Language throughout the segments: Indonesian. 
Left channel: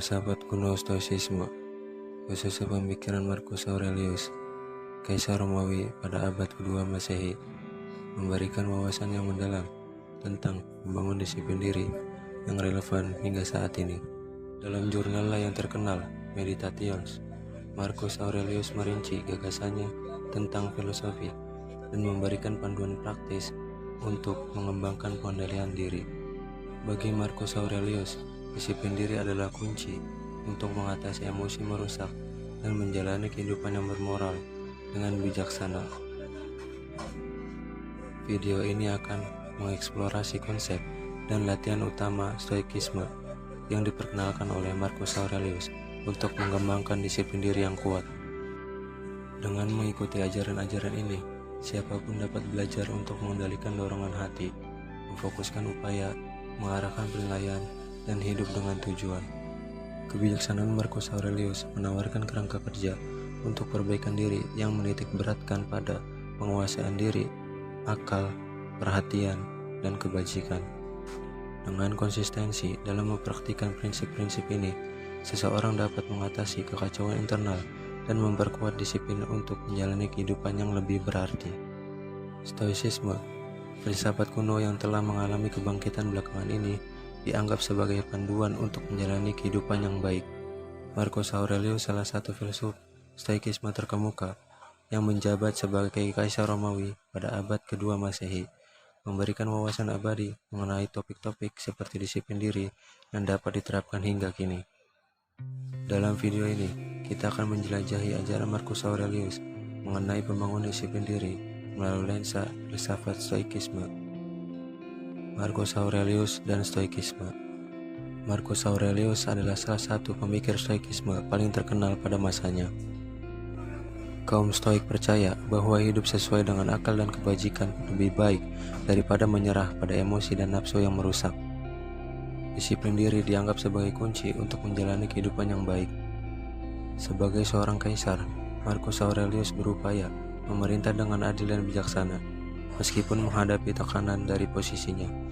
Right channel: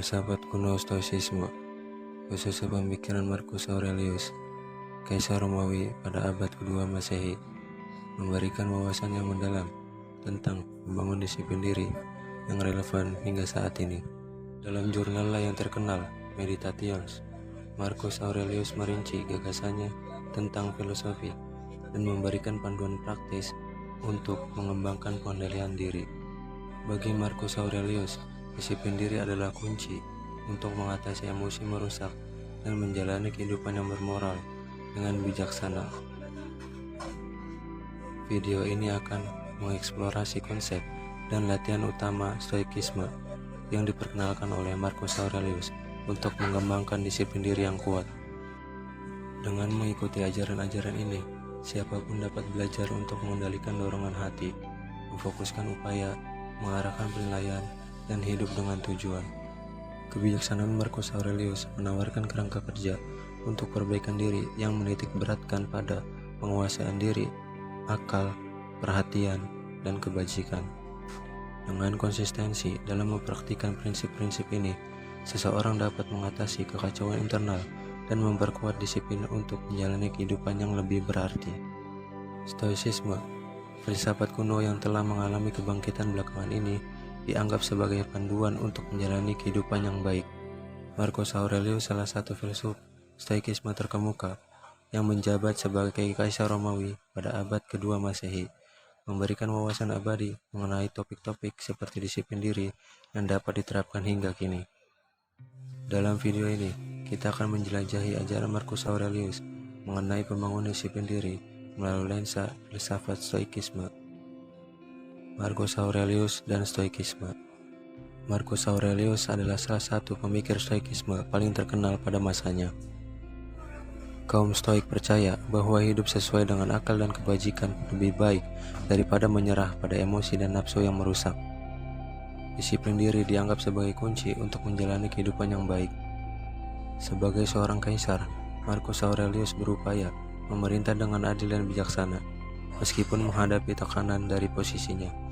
Filsafat kuno Stoicisme, khususnya pemikiran Marcus Aurelius, Kaisar Romawi pada abad kedua Masehi, memberikan wawasan yang mendalam tentang membangun disiplin diri yang relevan hingga saat ini. Dalam jurnalnya yang terkenal, Meditations, Marcus Aurelius merinci gagasannya tentang filosofi dan memberikan panduan praktis untuk mengembangkan pengendalian diri. Bagi Marcus Aurelius, disiplin diri adalah kunci untuk mengatasi emosi merusak dan menjalani kehidupan yang bermoral dengan bijaksana. Video ini akan mengeksplorasi konsep dan latihan utama Stoikisme yang diperkenalkan oleh Marcus Aurelius untuk mengembangkan disiplin diri yang kuat. Dengan mengikuti ajaran-ajaran ini, siapapun dapat belajar untuk mengendalikan dorongan hati, memfokuskan upaya, mengarahkan penilaian, dan hidup dengan tujuan. Kebijaksanaan Marcus Aurelius menawarkan kerangka kerja untuk perbaikan diri yang menitik beratkan pada penguasaan diri, akal, perhatian, dan kebajikan. Dengan konsistensi dalam mempraktikkan prinsip-prinsip ini, seseorang dapat mengatasi kekacauan internal dan memperkuat disiplin untuk menjalani kehidupan yang lebih berarti. Stoicisme, filsafat kuno yang telah mengalami kebangkitan belakangan ini, dianggap sebagai panduan untuk menjalani kehidupan yang baik. Marcus Aurelius salah satu filsuf Stoikisme terkemuka yang menjabat sebagai Kaisar Romawi pada abad kedua Masehi, memberikan wawasan abadi mengenai topik-topik seperti disiplin diri yang dapat diterapkan hingga kini. Dalam video ini, kita akan menjelajahi ajaran Marcus Aurelius mengenai pembangunan disiplin diri melalui lensa filsafat Stoikisme. Marcus Aurelius dan Stoikisme. Marcus Aurelius adalah salah satu pemikir Stoikisme paling terkenal pada masanya. Kaum Stoik percaya bahwa hidup sesuai dengan akal dan kebajikan lebih baik daripada menyerah pada emosi dan nafsu yang merusak. Disiplin diri dianggap sebagai kunci untuk menjalani kehidupan yang baik. Sebagai seorang kaisar, Marcus Aurelius berupaya memerintah dengan adil dan bijaksana, meskipun menghadapi tekanan dari posisinya.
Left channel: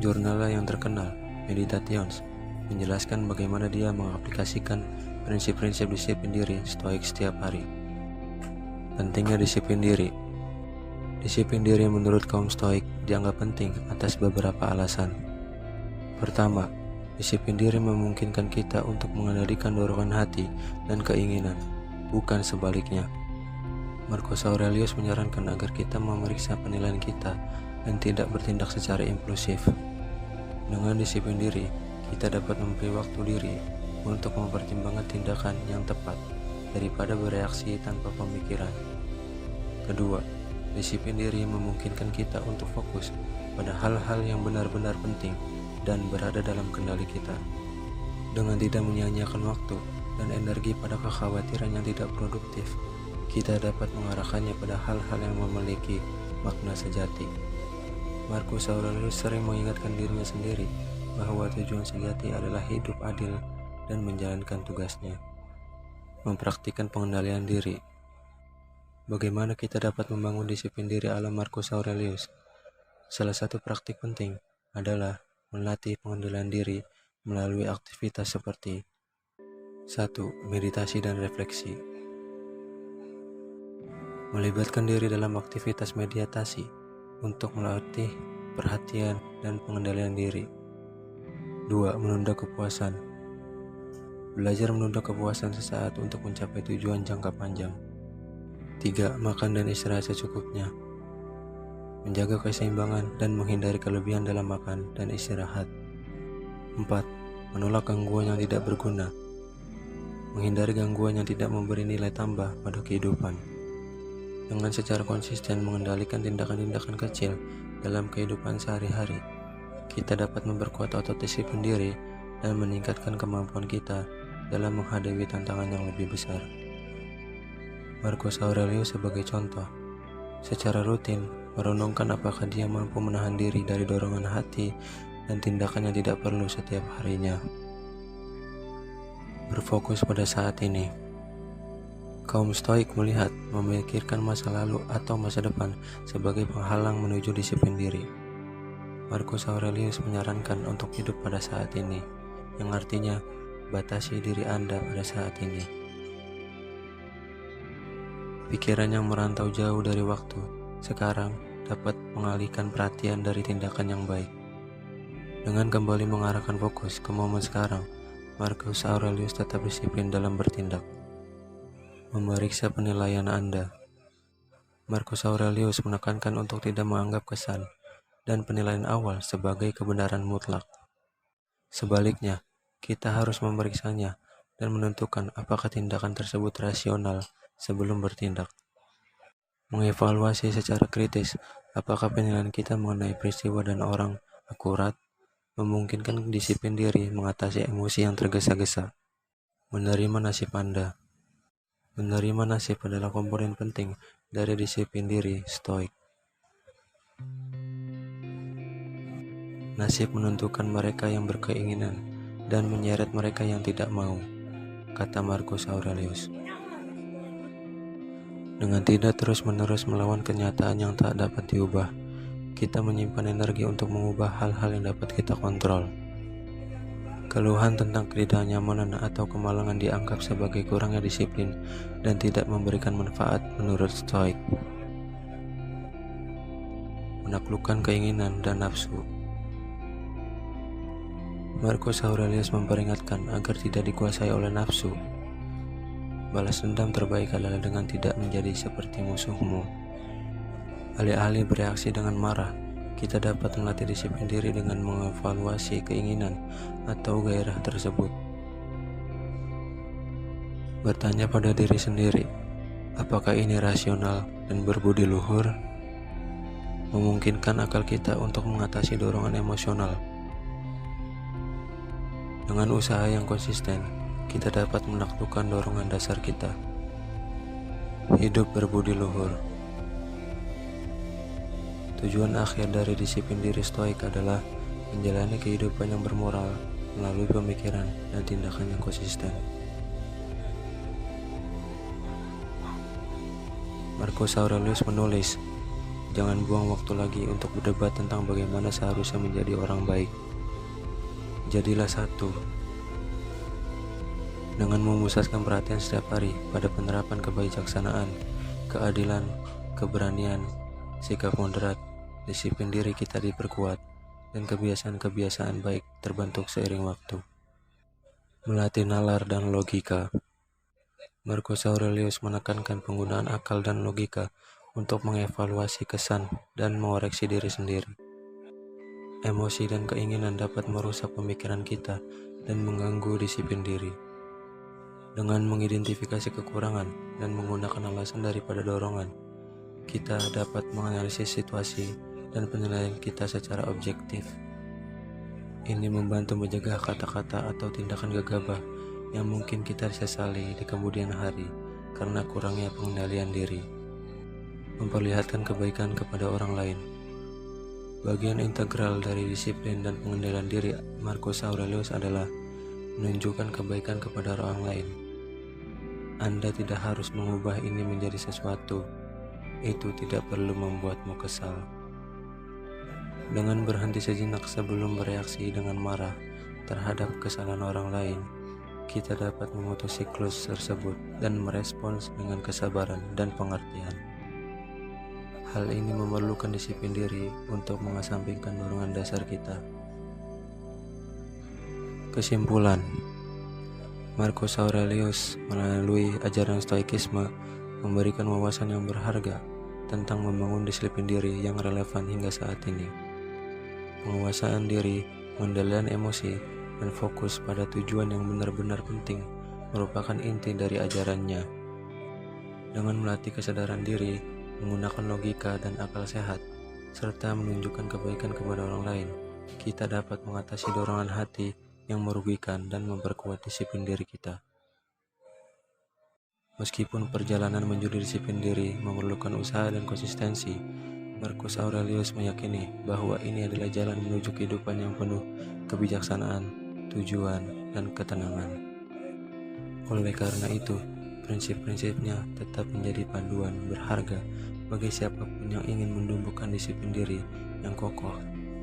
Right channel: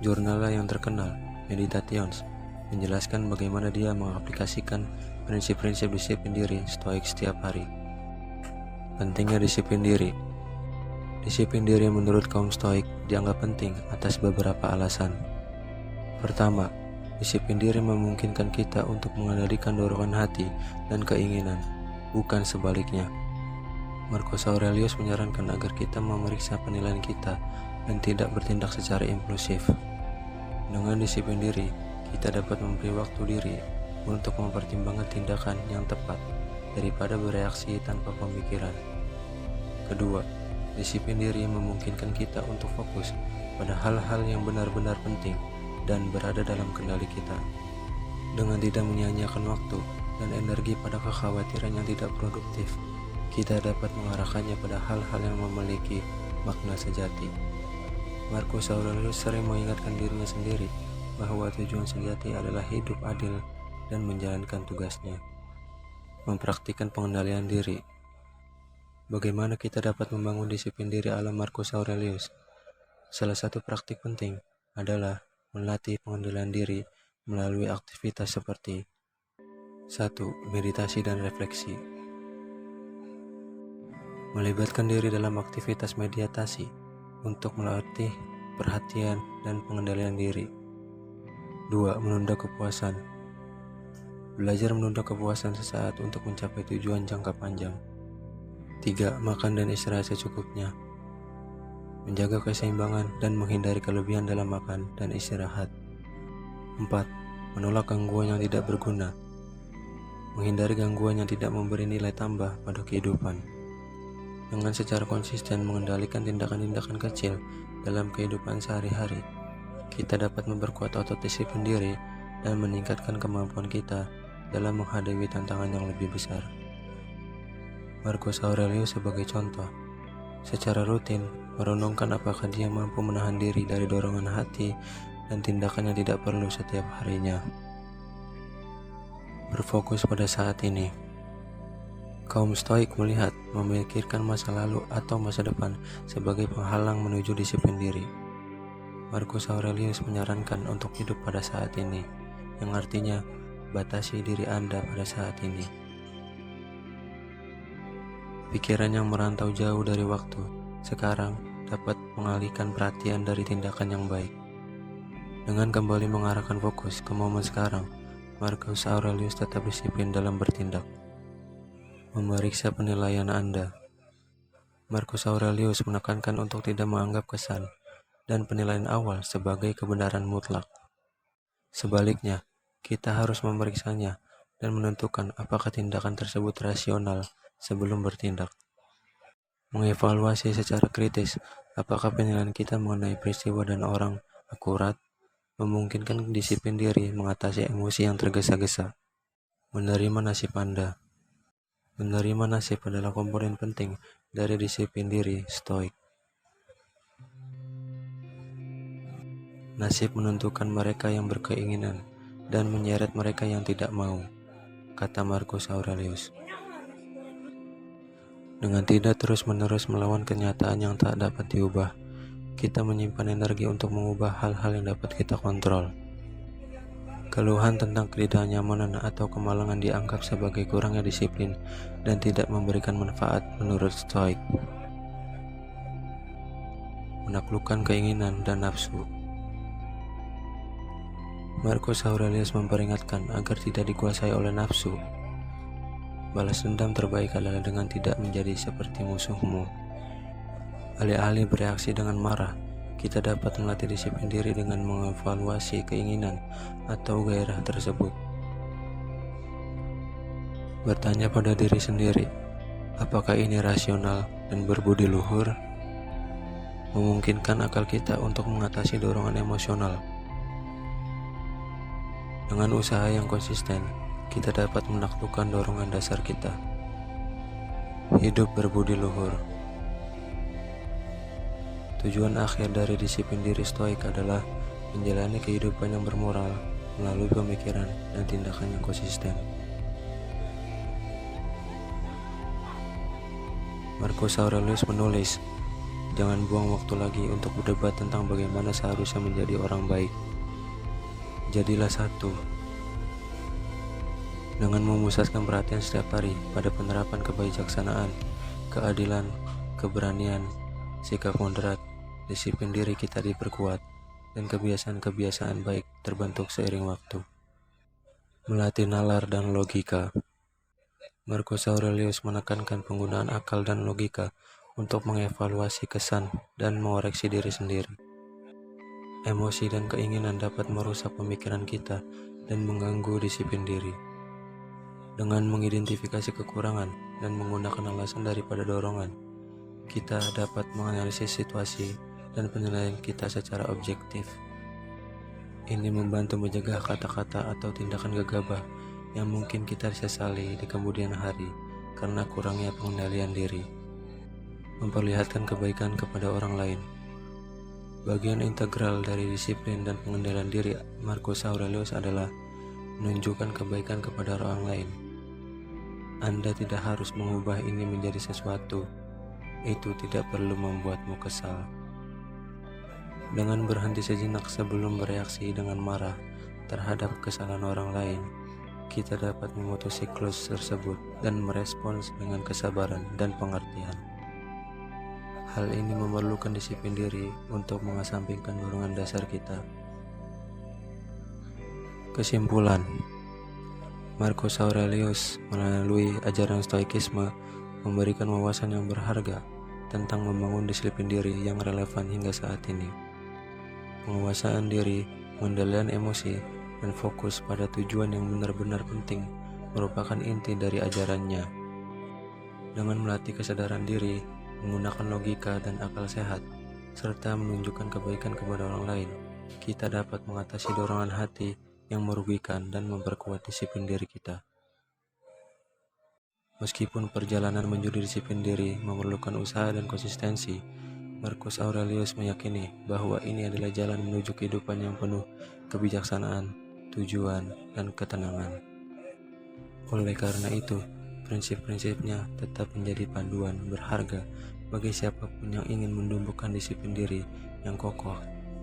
Jurnalnya yang terkenal, Meditations, menjelaskan bagaimana dia mengaplikasikan prinsip-prinsip disiplin diri Stoik setiap hari. Pentingnya disiplin diri. Disiplin diri menurut kaum Stoik dianggap penting atas beberapa alasan. Pertama, disiplin diri memungkinkan kita untuk mengendalikan dorongan hati dan keinginan, bukan sebaliknya. Marcus Aurelius menyarankan agar kita memeriksa penilaian kita dan tidak bertindak secara impulsif. Dengan disiplin diri, kita dapat memberi waktu diri untuk mempertimbangkan tindakan yang tepat daripada bereaksi tanpa pemikiran. Kedua, disiplin diri memungkinkan kita untuk fokus pada hal-hal yang benar-benar penting dan berada dalam kendali kita. Dengan tidak menyia-nyiakan waktu dan energi pada kekhawatiran yang tidak produktif, kita dapat mengarahkannya pada hal-hal yang memiliki makna sejati. Marcus Aurelius sering mengingatkan dirinya sendiri bahwa tujuan sejati adalah hidup adil dan menjalankan tugasnya. Mempraktikkan pengendalian diri. Bagaimana kita dapat membangun disiplin diri ala Marcus Aurelius? Salah satu praktik penting adalah melatih pengendalian diri melalui aktivitas seperti 1. Meditasi dan refleksi. Melibatkan diri dalam aktivitas meditasi untuk melatih perhatian dan pengendalian diri. 2. Menunda kepuasan. Belajar menunda kepuasan sesaat untuk mencapai tujuan jangka panjang. 3. Makan dan istirahat secukupnya. Menjaga keseimbangan dan menghindari kelebihan dalam makan dan istirahat. 4. Menolak gangguan yang tidak berguna. Menghindari gangguan yang tidak memberi nilai tambah pada kehidupan. Dengan secara konsisten mengendalikan tindakan-tindakan kecil dalam kehidupan sehari-hari, kita dapat memperkuat otot disiplin diri dan meningkatkan kemampuan kita dalam menghadapi tantangan yang lebih besar. Marcus Aurelius sebagai contoh, secara rutin merenungkan apakah dia mampu menahan diri dari dorongan hati dan tindakan yang tidak perlu setiap harinya. Berfokus pada saat ini. Kaum Stoik melihat memikirkan masa lalu atau masa depan sebagai penghalang menuju disiplin diri. Marcus Aurelius menyarankan untuk hidup pada saat ini, yang artinya batasi diri Anda pada saat ini. Pikiran yang merantau jauh dari waktu sekarang dapat mengalihkan perhatian dari tindakan yang baik. Dengan kembali mengarahkan fokus ke momen sekarang, Marcus Aurelius tetap disiplin dalam bertindak. Memeriksa penilaian Anda. Marcus Aurelius menekankan untuk tidak menganggap kesan dan penilaian awal sebagai kebenaran mutlak. Sebaliknya, kita harus memeriksanya dan menentukan apakah tindakan tersebut rasional sebelum bertindak. Mengevaluasi secara kritis apakah penilaian kita mengenai peristiwa dan orang akurat, memungkinkan disiplin diri mengatasi emosi yang tergesa-gesa. Menerima nasib Anda. Menerima nasib adalah komponen penting dari disiplin diri Stoik. Nasib menentukan mereka yang berkeinginan dan menyeret mereka yang tidak mau, kata Marcus Aurelius. Dengan tidak terus-menerus melawan kenyataan yang tak dapat diubah, kita menyimpan energi untuk mengubah hal-hal yang dapat kita kontrol. Keluhan tentang ketidaknyamanan atau kemalangan dianggap sebagai kurangnya disiplin dan tidak memberikan manfaat menurut Stoik. Menaklukkan keinginan dan nafsu. Marcus Aurelius memperingatkan agar tidak dikuasai oleh nafsu. Balas dendam terbaik adalah dengan tidak menjadi seperti musuhmu. Alih-alih bereaksi dengan marah, kita dapat melatih disiplin diri dengan mengevaluasi keinginan atau gairah tersebut. Bertanya pada diri sendiri, apakah ini rasional dan berbudi luhur? Memungkinkan akal kita untuk mengatasi dorongan emosional. Dengan usaha yang konsisten, kita dapat menaklukkan dorongan dasar kita. Hidup berbudi luhur. Tujuan akhir dari disiplin diri Stoik adalah menjalani kehidupan yang bermoral melalui pemikiran dan tindakan yang konsisten. Marcus Aurelius menulis, jangan buang waktu lagi untuk berdebat tentang bagaimana seharusnya menjadi orang baik. Jadilah satu. Dengan memusatkan perhatian setiap hari pada penerapan kebijaksanaan, keadilan, keberanian, sikap moderat, disiplin diri kita diperkuat, dan kebiasaan-kebiasaan baik terbentuk seiring waktu. Melatih nalar dan logika. Marcus Aurelius menekankan penggunaan akal dan logika untuk mengevaluasi kesan dan mengoreksi diri sendiri. Emosi dan keinginan dapat merusak pemikiran kita dan mengganggu disiplin diri. Dengan mengidentifikasi kekurangan dan menggunakan alasan daripada dorongan, kita dapat menganalisis situasi dan penilaian kita secara objektif. Ini membantu mencegah kata-kata atau tindakan gegabah yang mungkin kita sesali di kemudian hari karena kurangnya pengendalian diri. Memperlihatkan kebaikan kepada orang lain. Bagian integral dari disiplin dan pengendalian diri Marcus Aurelius adalah menunjukkan kebaikan kepada orang lain. Anda tidak harus mengubah ini menjadi sesuatu. Itu tidak perlu membuatmu kesal. Dengan berhenti sejenak sebelum bereaksi dengan marah terhadap kesalahan orang lain, kita dapat memutus siklus tersebut dan merespons dengan kesabaran dan pengertian. Hal ini memerlukan disiplin diri untuk mengesampingkan dorongan dasar kita. Kesimpulan, Marcus Aurelius melalui ajaran Stoikisme memberikan wawasan yang berharga tentang membangun disiplin diri yang relevan hingga saat ini. Penguasaan diri, pengendalian emosi, dan fokus pada tujuan yang benar-benar penting merupakan inti dari ajarannya. Dengan melatih kesadaran diri, menggunakan logika dan akal sehat, serta menunjukkan kebaikan kepada orang lain, kita dapat mengatasi dorongan hati yang merugikan dan memperkuat disiplin diri kita. Meskipun perjalanan menuju disiplin diri memerlukan usaha dan konsistensi, Marcus Aurelius meyakini bahwa ini adalah jalan menuju kehidupan yang penuh kebijaksanaan, tujuan, dan ketenangan. Oleh karena itu, prinsip-prinsipnya tetap menjadi panduan berharga bagi siapapun yang ingin menumbuhkan disiplin diri yang kokoh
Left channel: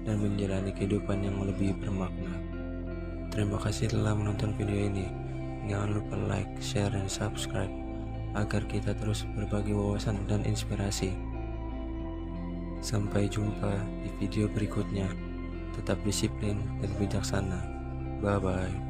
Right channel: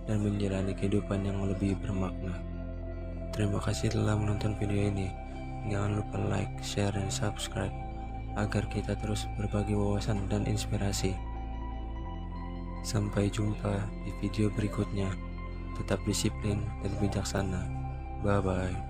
dan menjalani kehidupan yang lebih bermakna. Terima kasih telah menonton video ini. Jangan lupa like, share, dan subscribe agar kita terus berbagi wawasan dan inspirasi. Sampai jumpa di video berikutnya. Tetap disiplin dan bijaksana. Bye bye.